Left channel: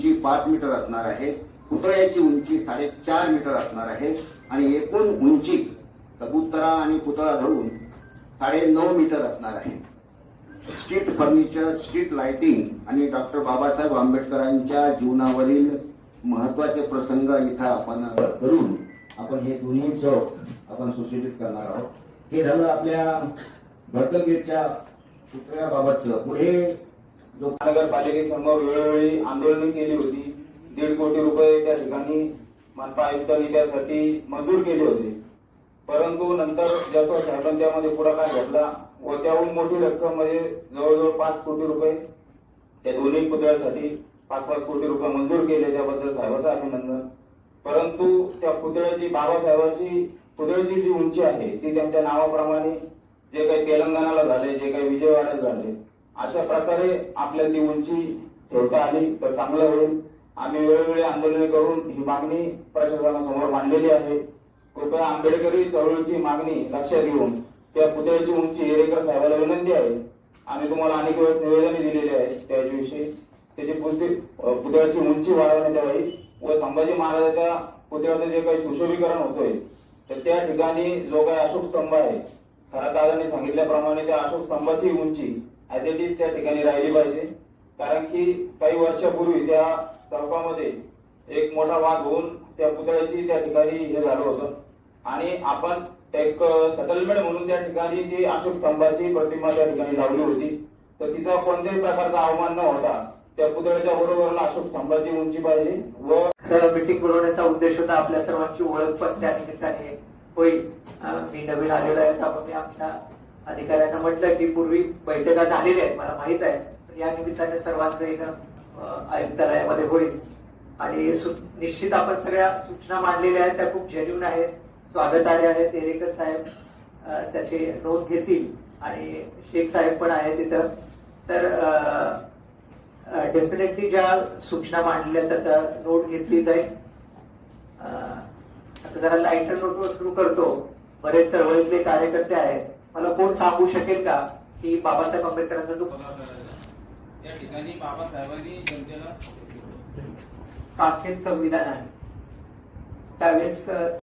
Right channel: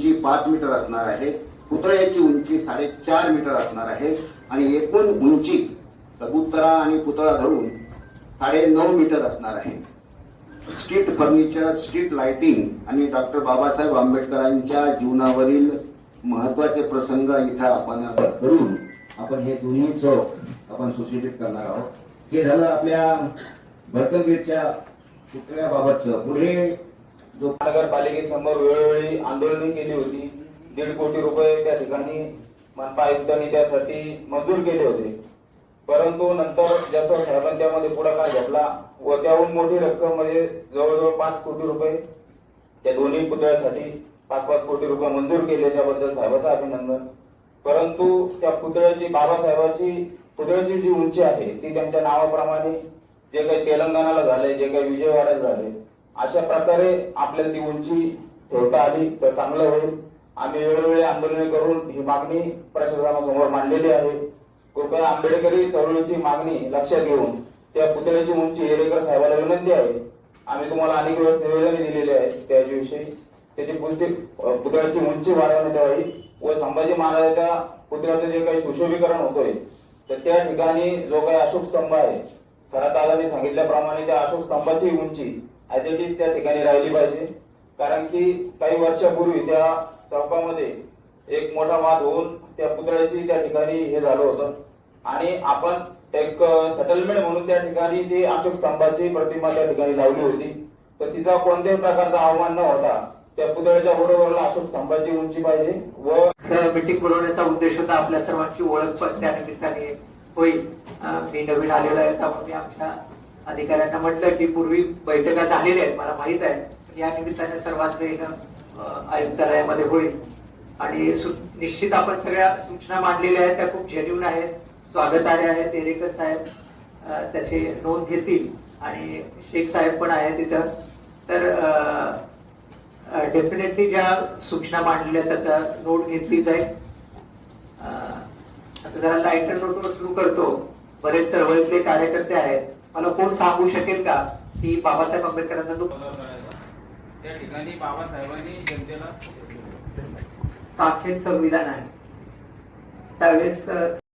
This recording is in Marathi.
उंची पाच मीटर असणार आहे पुतळ्याची उंची साडेचार मीटर असणार आहे आणि एकूण उंची कबुतरा आणि पुतळा धरून साडे नऊ मीटर असणार आहे. स्ट्रीट फर्निचर स्ट्रीट लाइटिंग आणि डॉक्टर बाबासाहेब आंबेडकरांच्या जीवनावरील महत्त्वाचे प्रसंग इथं आपण करून आपण हे दोन्ही चौक आपण सुशोभित करणार आहोत. हे झालं आपल्या भडकल गेटच्या पुतळ्याबाबतचं पुढे जो नगरपालिकेसमोर वेळोवेळी आंदोलने केली होती. दीड कोटी रुपये त्या ठिकाणी मनपा आयुक्तांनी त्यासाठी मंजूर केले होते. परंतु नंतर जसं साहेबांनी त्यामध्ये पुढाकार घेतला व त्याहून मोठी रक्कम म्हणजे जवळजवळ पाच कोटी रुपये त्या दोन्ही पुतळ्यासाठी पाच पाच कोटी रुपये मंजूर केले त्याबद्दल साहेबांचं अभिनंदन. परंतु त्या पुतळ्याची बाबासाहेबांची पुतळ्याची जी उंची आहे ती त्यांच्या नावाप्रमाणे जे काही तेलंगणाला झाले जे काही विजयवाड्यात झाले अशा प्रकारे आपल्याला ती उंची ठेवता आली तर चांगलं होईल. आम्ही वेळोवेळी आंदोलने करून ही मागणी प्रशासनासमोर मांडलेली आहे. कृपया आंबेडकरी चळवळीची मागणी लक्षात घेऊन त्या पुतळ्याची उंची हेरेकर साहेबाला विनंती आहे. आम्ही तुम्हाला अनेक वेळेस निवेदन दिलेली आहे त्याच्याविषयी. त्याची पुस्ती पुतळ्याची उंची वाढवण्यात यावी व संभाजी महाराजाच्या पुतळ्याचं जे काही सुशोभीकरण होतोय तर त्या ठिकाणी जो काही अशोक स्तंभ आहे खरा दादांनी सांगितल्याप्रमाणे त्या अशोक स्तंभाची उंची ऍज इट इज त्या ठिकाणी राहिली पाहिजे. कारण की काही वर्षापूर्वी त्या चौकामध्ये एक मोठा वाद होऊन त्या पुतळ्याची त्या ठिकाणी हे झालं होतं. आणि आपण एक सेटलमेंट म्हणून त्या ठिकाणी ती अशोक स्तंभाची प्रतिमा त्या ठिकाणी लावली होती. तर तिचा कोणत्याही प्रकारचा अवमान न होता त्या पुतळ्याच्या बरोबरला अशोक स्तंभाची उंची पाहिजे व तर मिटिंग बोलवण्याचा उद्देश होता आपल्या सर्वांची ओळख पण त्या निमित्ताने होईल. मी नवीन आलेलो आहे त्यामुळे आमच्या अधिकाऱ्यांना म्हटलं की पूर्वी बैठका झालेल्या आहेत मला माहीत आहे. या निमित्ताने सर्वांचं येणं आयुक्तालयामध्ये होईल. आणि सु- निश्चित आपण सगळ्या सूचना मांडलेल्या आहेत त्या खूप जेन्युन आहेत. स्वागतार्ह आहेत एरेकर साहेब त्याचे नोंद घेतील. आणि शेख साहेब पण आहेत तिथं. तर डेफिनेटली ज्या सूचना मांडलेल्या आहेत त्याचा नोट घेतली जाईल आता जरा लाईटर नोटवर सुरू करतो. बरेच चळवळीतले कार्यकर्ते आहेत. मला कोण सांगू शकेल का की बाबासाहेब आंबेडकरांचा जो त्या ठिकाणी बाबासाहेबांनी जनतेला काखेत संविधान आहे. त्यावेळेस